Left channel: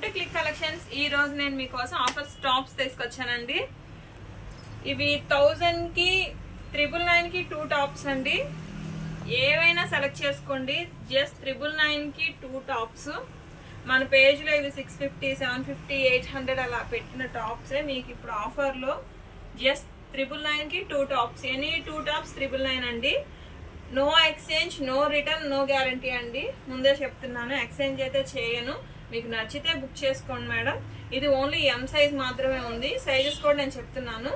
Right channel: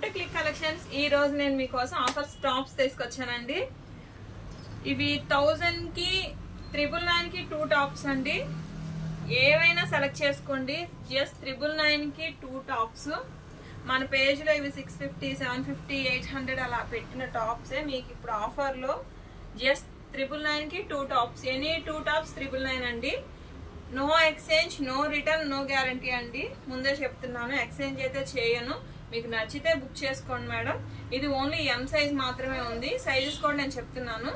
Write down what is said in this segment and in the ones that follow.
Welcome to click collections. ఈ రోజు నేను మీకోసం ఆఫర్స్ టాప్స్ తీసుకొచ్చానండి. ఇవి 1000 కి 999 కి 2 టాప్స్ అండి. ఏవైనా సెలెక్ట్ చేసుకోండి. జస్ట్ 999 కి 2 టాప్స్. మన పేజ్ లో ఇవి 650, 750, 800 అలా పెట్టిన టాప్స్. మీకు ఇప్పుడు ఆఫర్ లో జస్ట్ 999 కి 2 టాప్స్. ఎనీ 2 టాప్స్ 999 అండి. No exchange, no return, no guarantee అండి. ముందే చెప్తున్నాను, ఎక్స్చేంజ్ అయితే చేయను. మీకు నచ్చితే బుక్ చేసుకోండి మేడం. ఇది ఓన్లీ ఎం సైజ్ మాత్రమే ఉంది. సైజెస్ కూడా నేను చెప్తున్నాను.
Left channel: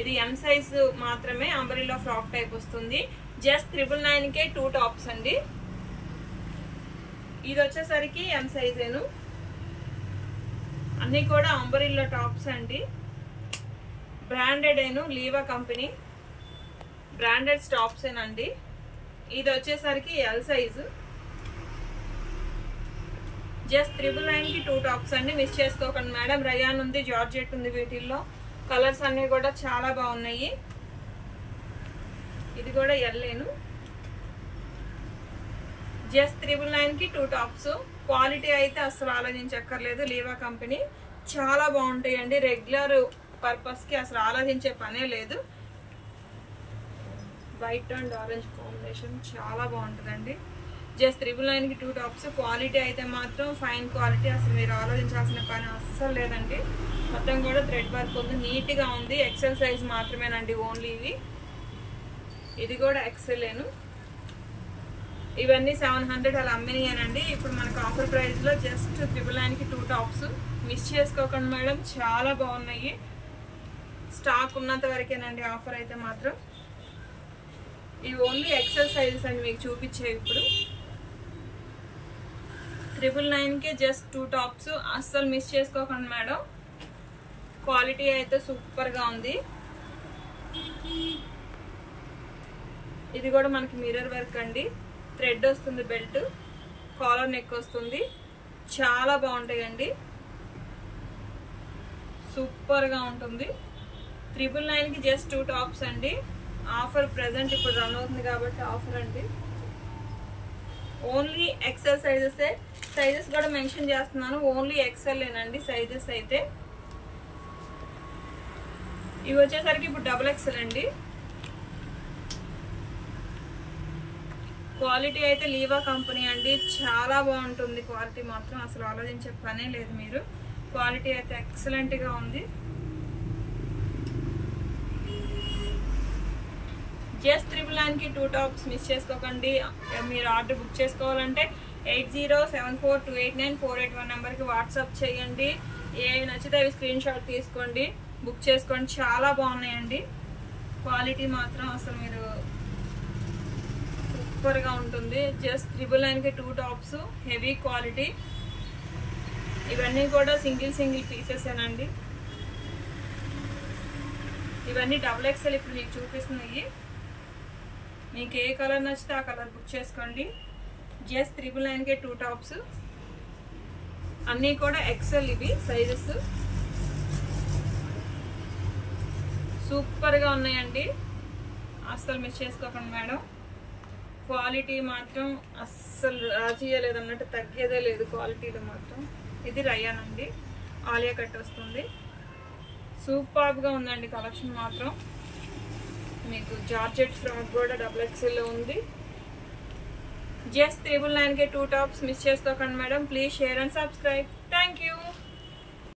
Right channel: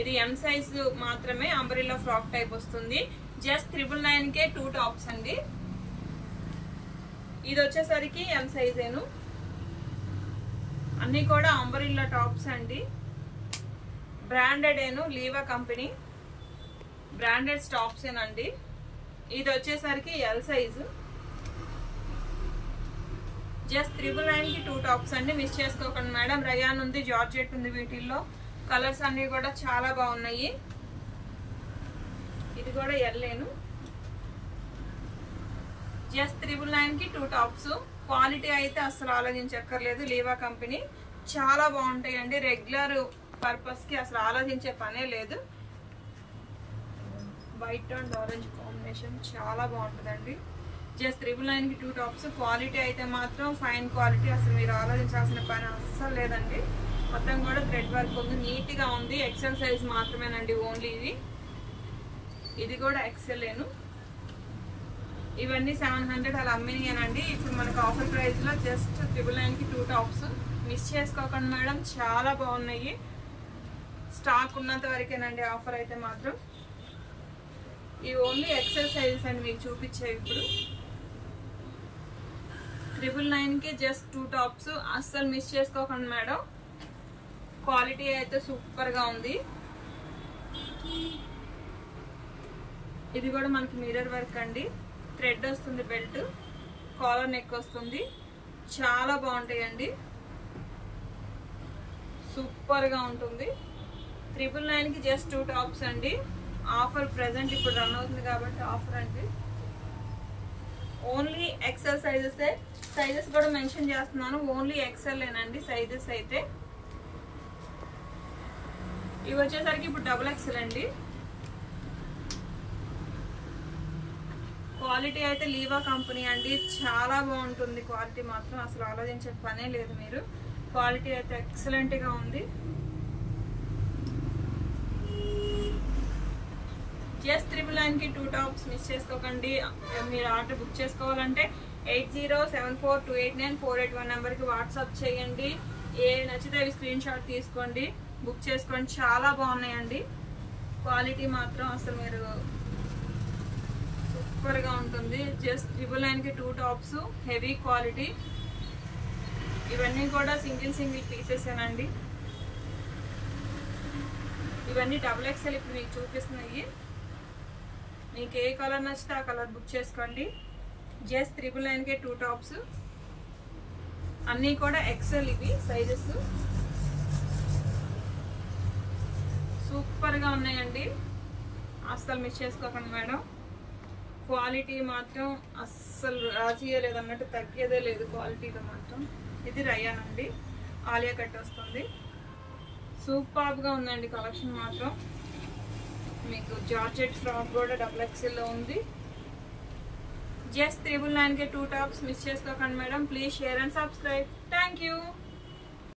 ఇది ఎం సైజ్ మాత్రమే, అంబ్రెల్లా ఫ్రాక్ టైప్ వస్తుంది. జస్ట్ 999 కే 2 టాప్స్ అండి. ఇది వచ్చేసరికి ఎం సైజేను. అన్ని కూడా అంబ్రెల్లా టాప్స్ అండి. బ్రాండెడ్ ఏను, లీవా కంపెనీ బ్రాండెడ్ టాప్స్ ఏనండి. ఇది వచ్చేసరికి ఎల్ సైజు. జస్ట్ 999 కి 2 టాప్స్ అండి. మిస్ చేసుకోకండి మేడం. రయాన్ ఉంది, జార్జెట్ ఉంది. వీటిల్లో కలర్స్ అన్ని కూడా చాలా బాగున్నాయి. ఇది కూడా ఎల్లేను. జస్ట్ 999 కి 2 టాప్స్. క్వాలిటీ అయితే అసలు ఆలోచించక్కర్లేదు. లీవా కంపెనీ చాలా బాగుంటాయండి. రెగ్యులర్ పర్పస్ కి అసలు ఆలోచించే పనే లేదు. వైట్ అండ్ ఆరెంజ్ కాంబినేషన్ చాలా బాగుంటుందండి. జస్ట్ 999 కి 2 టాప్స్. క్వాలిటీ అయితే మాత్రం ఫైన్ క్వాలిటీ. అసలు మీరు ఆలోచించాల్సిన పని అస్సలు లేదండి. మొత్తం కూడా థ్రెడ్ వర్క్ ఉంది, నీట్ గా ఉంది. ఎక్సెల్ సైజ్ మాత్రమేనండి ఓన్లీ ఇది. ఇది కూడా ఎక్సెల్లేను. ఇవన్నీ 700 అలా అమ్మినాయనండి. ఇప్పుడు మనకు ఆఫర్ ప్రైస్ లో జస్ట్ 999 కి 2 టాప్స్. మిస్ చేసుకోకండి మేడం, చాలా బాగున్నాయి. స్టాక్ ఉన్నంత వరకేనండి ఆఫర్ అయితే మాత్రం. ఇవి ఓన్లీ ఎక్సెల్ సైజెస్ అండి మీకు చూపించేవి. ఇప్పుడు 999 కి జస్ట్ 2 టాప్స్. అస్సలు మిస్ చేసుకోకండి మేడం. క్వాలిటీ అయితే సూపర్ గా ఉంది. ఇది కూడా మనకి మిర్రర్ వర్క్ అండి. థ్రెడ్ వస్తుంది, బెల్ట్, కాలర్ నెక్ వస్తుంది. చాలా బాగుంటాయండి. సూపర్ గా ఉంటుంది. 999 కి జస్ట్ 2 టాప్స్ అండి. ఆఫర్ ప్రెసెంట్ ఇప్పుడు రన్ అవుతుంది కాబట్టి ఆఫర్ అండి. Only XL sizes. సైజెస్ కూడా మెన్షన్ చేస్తున్నాను. ఓన్లీ ఎక్సెల్ ఏనండి సైజెస్ అయితే. ఇవి వచ్చేసరికి ఇప్పుడు డబుల్ ఎక్సెల్ అండి. క్వాలిటీ అయితే లీవా కంపెనీ అండి. చాలా బాగుంటుంది క్వాలిటీ మాత్రం. అసలు ఆలోచించే పనే లేదు మీరు. క్వాలిటీ అయితే ఎక్సలెంట్ గా ఉంది. జస్ట్ 999 కి 2 టాప్స్. మిస్ చేసుకోకండి. మీరు ఆర్డర్ బుక్ చేసుకోవాలంటే 8074289481 నెంబర్కి వాట్సాప్ చేయండి. ఏ నచ్చితే అవి స్క్రీన్ షాట్ తీసుకోండి, బుక్ చేసుకోండి. చాలా బాగున్నాయండి. క్వాలిటీ మాత్రం అసలు మీరు సూపర్గా ఉంటుంది. జస్ట్ 999 కి 2 టాప్స్. Heavy quality. ఇవన్నీ కూడా సింగిల్ పీసెస్ ఏనండి. ఇవన్నీ డబుల్ ఎక్సెల్ ఇప్పుడు మీకు చూపిస్తున్నాయి. మీకు ఏ కలర్ నచ్చితే ఆ కలర్ బుక్ చేసుకోండి. జస్ట్ 999 కే 2 టాప్స్. అన్నీ కూడా ఎక్సెల్ ఇవి సైజెస్. సూపర్గా ఉన్నాయండి. అస్సలు మిస్ చేసుకోకండి మేడం. క్వాలిటీ మాత్రం అస్సలు రాజీయలేదు అన్నట్టు, తగ్గేదే లేదు క్వాలిటీలో మాత్రం. ఇది రయాన్ అండి. ఆలియా కట్ వస్తుంది. సూపర్గా ఉందండి కలెక్షన్ మాత్రం. మీకు జార్జెట్ ఫ్రాక్ కూడా డబుల్ ఎక్సెల్ ఉంది. జస్ట్ 999 కే 2 టాప్స్. మిస్ చేసుకోకండి madam. Please share and subscribe. Thank you.